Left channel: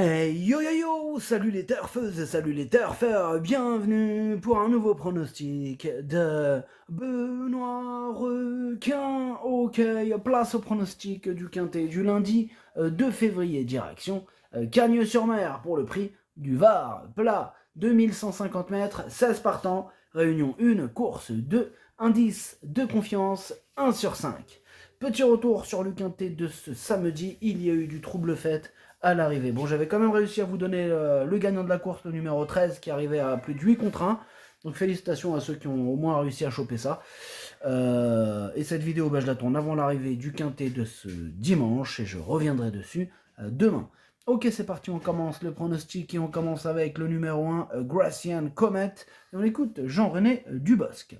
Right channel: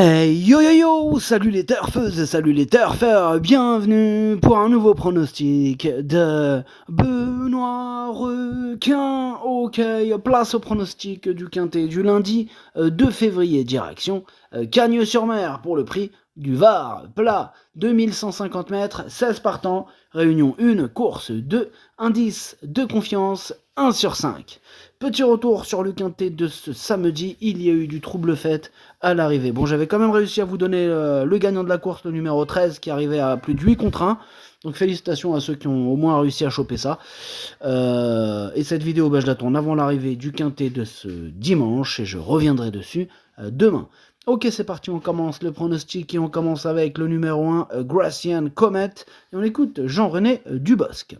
Hey yo yo yo, salut les turfeuses, salut les turfeurs, bienvenue pour un nouveau pronostic de Benoît Requin. Ok, place au pronostic du quintet du lundi 2 février, direction Cagnes-sur-Mer pour le prix du Var, plat 2150 mètres, 16 partants, réunion 1, course 2, indice de confiance 1 sur 5. Petit retour sur le quintet de ce samedi, il y a eu du trouble fait à l'arrivée. Bon, j'avais quand même réussi à vous donner le gagnant de la course, le numéro 13, qui arrivait à plus de 8 contre 1. Donc félicitations à ceux qui ont au moins réussi à choper ça. Et cette vidéo, je la tourne avant l'arrivée du quintet de ce dimanche, et je reviendrai dessus demain. Ok, c'est parti, on commence le pronostic, et on commence avec le numéro 1, Gracian Comet. Et on écoute Jean-René Dubosc.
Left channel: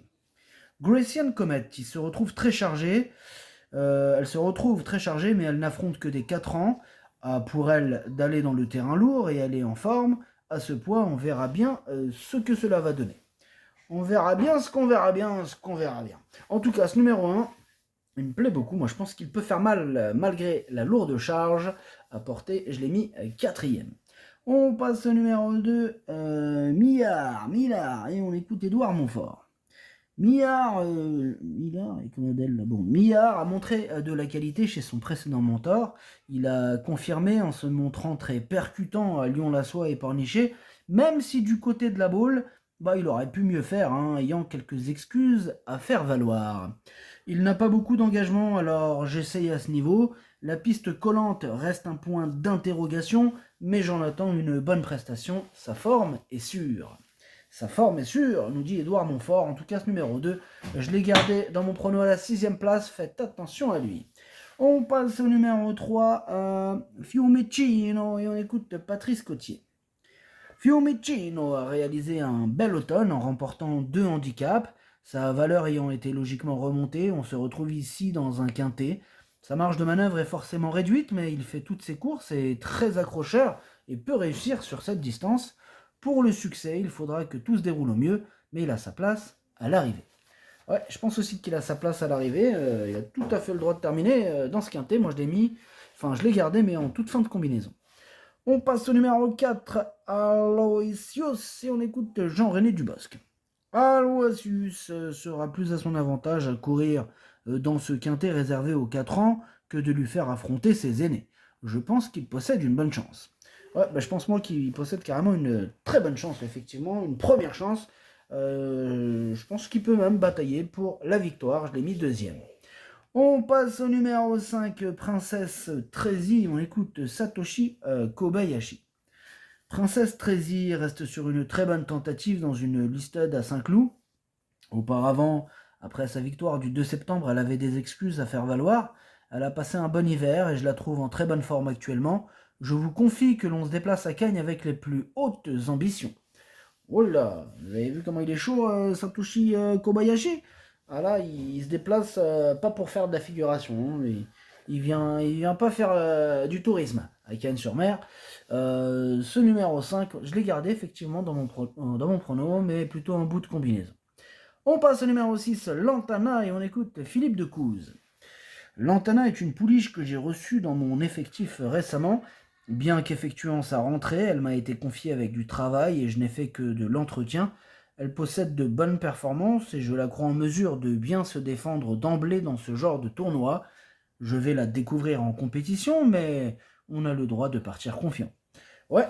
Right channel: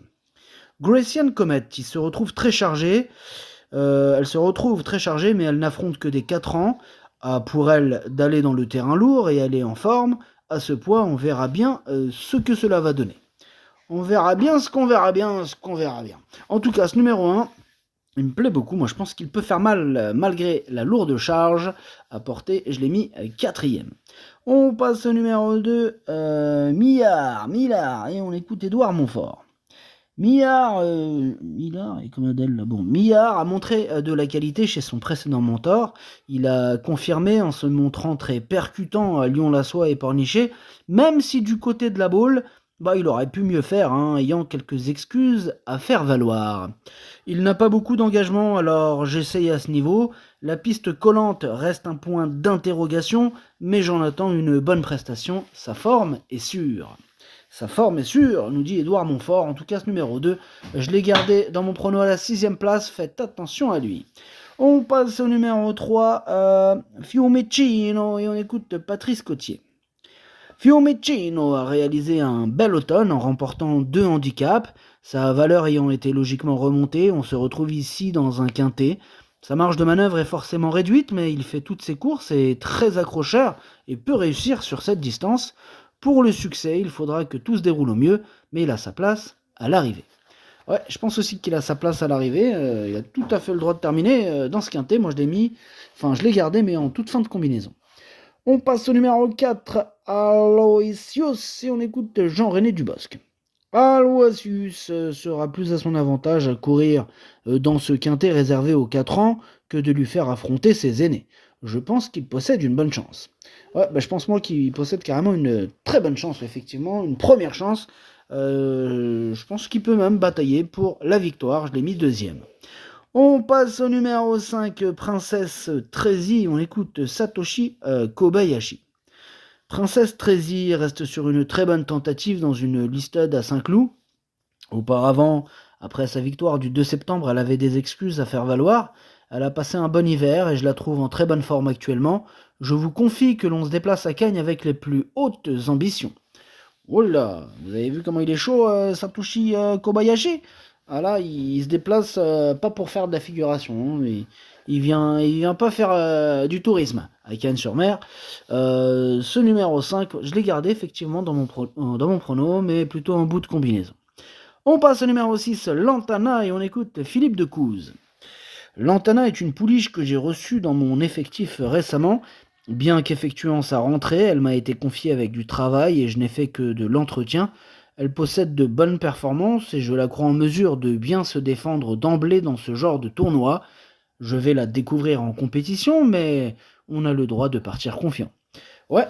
Gracian Comet, qui se retrouve très chargée. Elle se retrouve très chargée, mais elle n'affronte que des 4 ans. Pour elle d'aller dans le terrain lourd et elle est en forme. À ce poids, on verra bien ce que cela va donner. On verra bien ce qu'on verra bien, ce qu'on verra bien. En tout cas, ce numéro 1, il me plaît beaucoup. Moi, je pense qu'il peut faire mal malgré la lourde charge à porter. Je l'ai mis quatrième. On passe au numéro 2, Millard, et on écoute Édouard Montfort. Millard et comme Adèle là. Bon, Millard a montré de la qualité chez son précédent mentor. Il a confirmé en se montrant très percutant à Lyon-la-Soie et Pornichet, même si du côté de la Baule, il aurait pu mieux faire, ayant quelques excuses à faire valoir. Il n'a pas beaucoup d'engagement, alors j'essaye à ce niveau. La piste collante reste un point d'interrogation, mais j'en attends une bonne prestation. Sa forme est sûre. Sa forme est sûre, nous dit Édouard Montfort. En tout cas, ce numéro 2, je l'ai gardé dans mon prono à la 6ème place. Faites attention à lui. On passe au numéro 3, Fiumicino, et on écoute Patrice Cotier. Fiumicino a réalisé un bel automne en remportant 2 handicaps. Sa valeur ayant été logiquement remontée, on se retrouve ici dans un quintet. Sa marge de manœuvre est forcément réduite, mais il fait toutes ses courses et est très accrocheur et peut réussir sur cette distance. Pour le succès, il faudra que tout se déroule au mieux, mais il a sa place à l'arrivée. Ouais, je pense aussi qu'il a sa place à l'arrivée. Il a tout à fait le droit de terminer dans ce quintet. Moi, je l'ai gardé, mais en toute fin de combinaison. On passe au numéro 4, Aloysius, et on écoute Jean-René Dubosc. Aloysius sera plus à son avantage à courir dans ce quintet réservé aux 4 ans que de lui faire affronter ses aînés. Je pense qu'il possède une bonne chance. Ouais, je pense moi qu'il possède carrément une très bonne chance, effectivement, une première chance. Je pense qu'il peut même batailler pour la victoire. Je l'ai mis deuxième. On passe au numéro 5, Princesse Trézy. On écoute Satoshi Kobayashi. Princesse Trézy reste sur une très bonne tentative dans une listade à Saint-Cloud. Auparavant, après sa victoire du 2 septembre, elle avait des excuses à faire valoir. Elle a passé un bon hiver et je la trouve en très bonne forme actuellement. Je vous confie que l'on se déplace à Cagnes avec les plus hautes ambitions. Oh là, vous avez vu comment il est chaud, Satoshi Kobayashi? Ah là, il se déplace pas pour faire de la figuration, mais il vient pas faire du tourisme à Cannes-sur-Mer. Ce numéro 5, je l'ai gardé effectivement dans mon prono, mais plutôt en bout de combinaison. On passe au numéro 6, Lantana, et on écoute Philippe de Couze. Lantana est une pouliche que j'ai reçue dans mon effectif récemment. Bien qu'effectuant sa rentrée, elle m'a été confiée avec du travail et je n'ai fait que de l'entretien. Elle possède de bonnes performances et je la crois en mesure de bien se défendre d'emblée dans ce genre de tournoi. Je vais la découvrir en compétition, mais on a le droit de partir confiant. Ouais,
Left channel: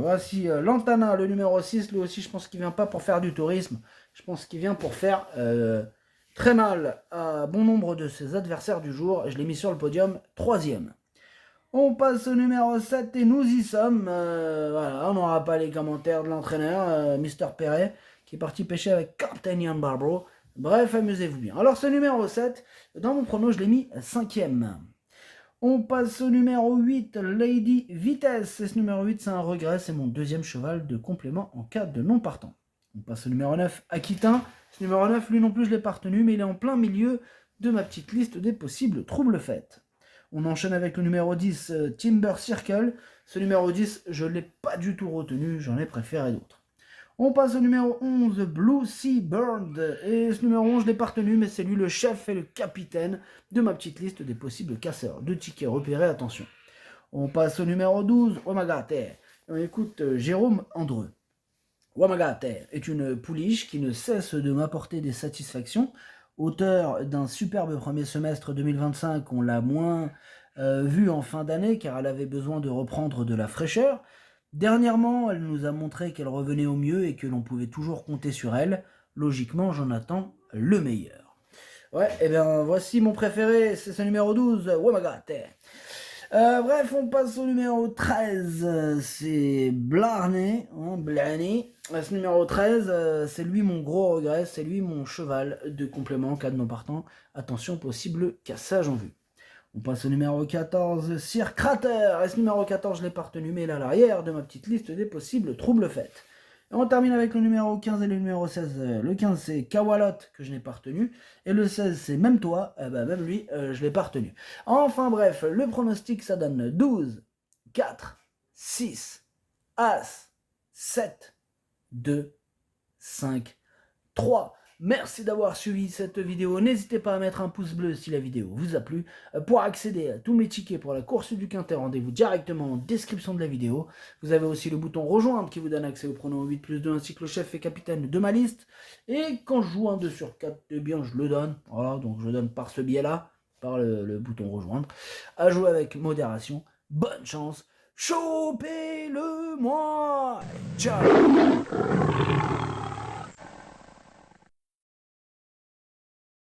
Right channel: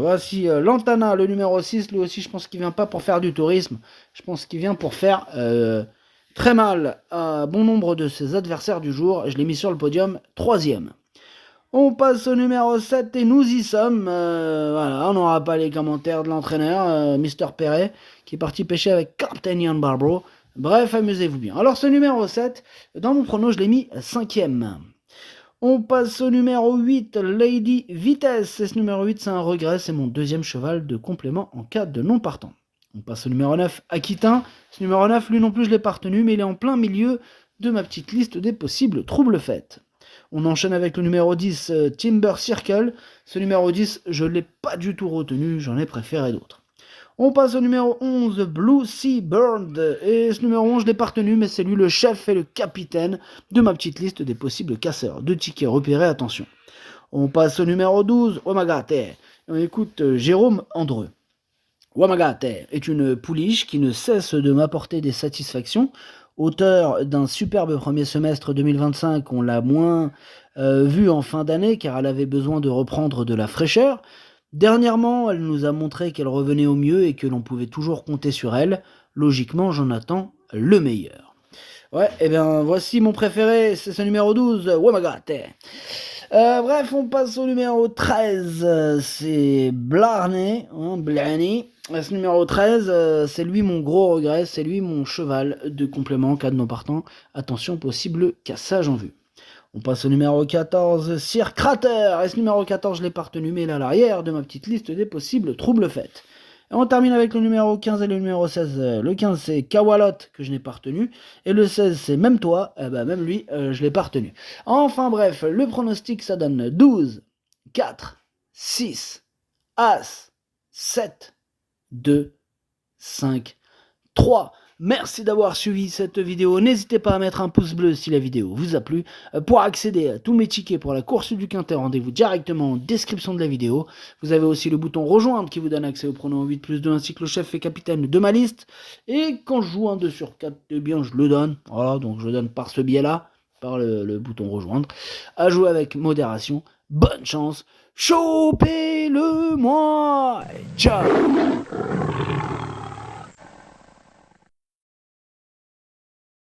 voici Lantana, le numéro 6. Lui aussi, je pense qu'il vient pas pour faire du tourisme. Je pense qu'il vient pour faire très mal à bon nombre de ses adversaires du jour. Je l'ai mis sur le podium, troisième. On passe au numéro 7 et nous y sommes. Voilà, on n'aura pas les commentaires de l'entraîneur, Mister Perret, qui est parti pêcher avec Captain Ian Barbro. Bref, amusez-vous bien. Alors ce numéro 7, dans mon prono, je l'ai mis cinquième. On passe au numéro 8, Lady Vitesse. Et ce numéro 8, c'est un regret, c'est mon deuxième cheval de complément en cas de non partant. On passe au numéro 9, Aquitain. Ce numéro 9, lui non plus, je ne l'ai pas retenu, mais il est en plein milieu de ma petite liste des possibles troubles faits. On enchaîne avec le numéro 10, Timber Circle. Ce numéro 10, je ne l'ai pas du tout retenu, j'en ai préféré d'autres. On passe au numéro 11, Blue Sea Bird. Et ce numéro 11, je l'ai pas retenu, mais c'est lui le chef et le capitaine de ma petite liste des possibles casseurs de tickets repérés, attention. On passe au numéro 12, Wamagate. Écoute, Jérôme Andreu. Wamagate est une pouliche qui ne cesse de m'apporter des satisfactions. Auteur d'un superbe premier semestre 2025, on l'a moins vue en fin d'année car elle avait besoin de reprendre de la fraîcheur. Dernièrement, elle nous a montré qu'elle revenait au mieux et que l'on pouvait toujours compter sur elle. Logiquement, j'en attends le meilleur. Ouais, et bien voici mon préféré, c'est ce numéro 12, Wamagate. Bref, on passe au numéro 13, c'est Blarney, Blarney. Ce numéro 13, c'est lui mon gros regret, c'est lui mon cheval de complément, cas de non partant. Attention, possible cassage en vue. On passe au numéro 14, Sir Crater. Et ce numéro 14, je l'ai pas retenu, mais il est à l'arrière de ma petite liste des possibles troubles faits. Et on termine avec le numéro 15 et le numéro 16. Le 15, c'est Kawalot, que je n'ai pas retenu. Et le 16, c'est même toi. Même lui, je l'ai pas retenu. Enfin bref, le pronostic, ça donne 12, 4, 6, As, 7, 2, 5, 3. Merci d'avoir suivi cette vidéo. N'hésitez pas à mettre un pouce bleu si la vidéo vous a plu. Pour accéder à tous mes tickets pour la course du Quintet, rendez-vous directement en description de la vidéo. Vous avez aussi le bouton rejoindre qui vous donne accès au pronom 8+2 ainsi que le chef et capitaine de ma liste. Et quand je joue un 2 sur 4, eh bien je le donne. Voilà, donc je le donne par ce biais-là, par le bouton rejoindre. À jouer avec modération. Bonne chance. Chopez-le moi. Ciao.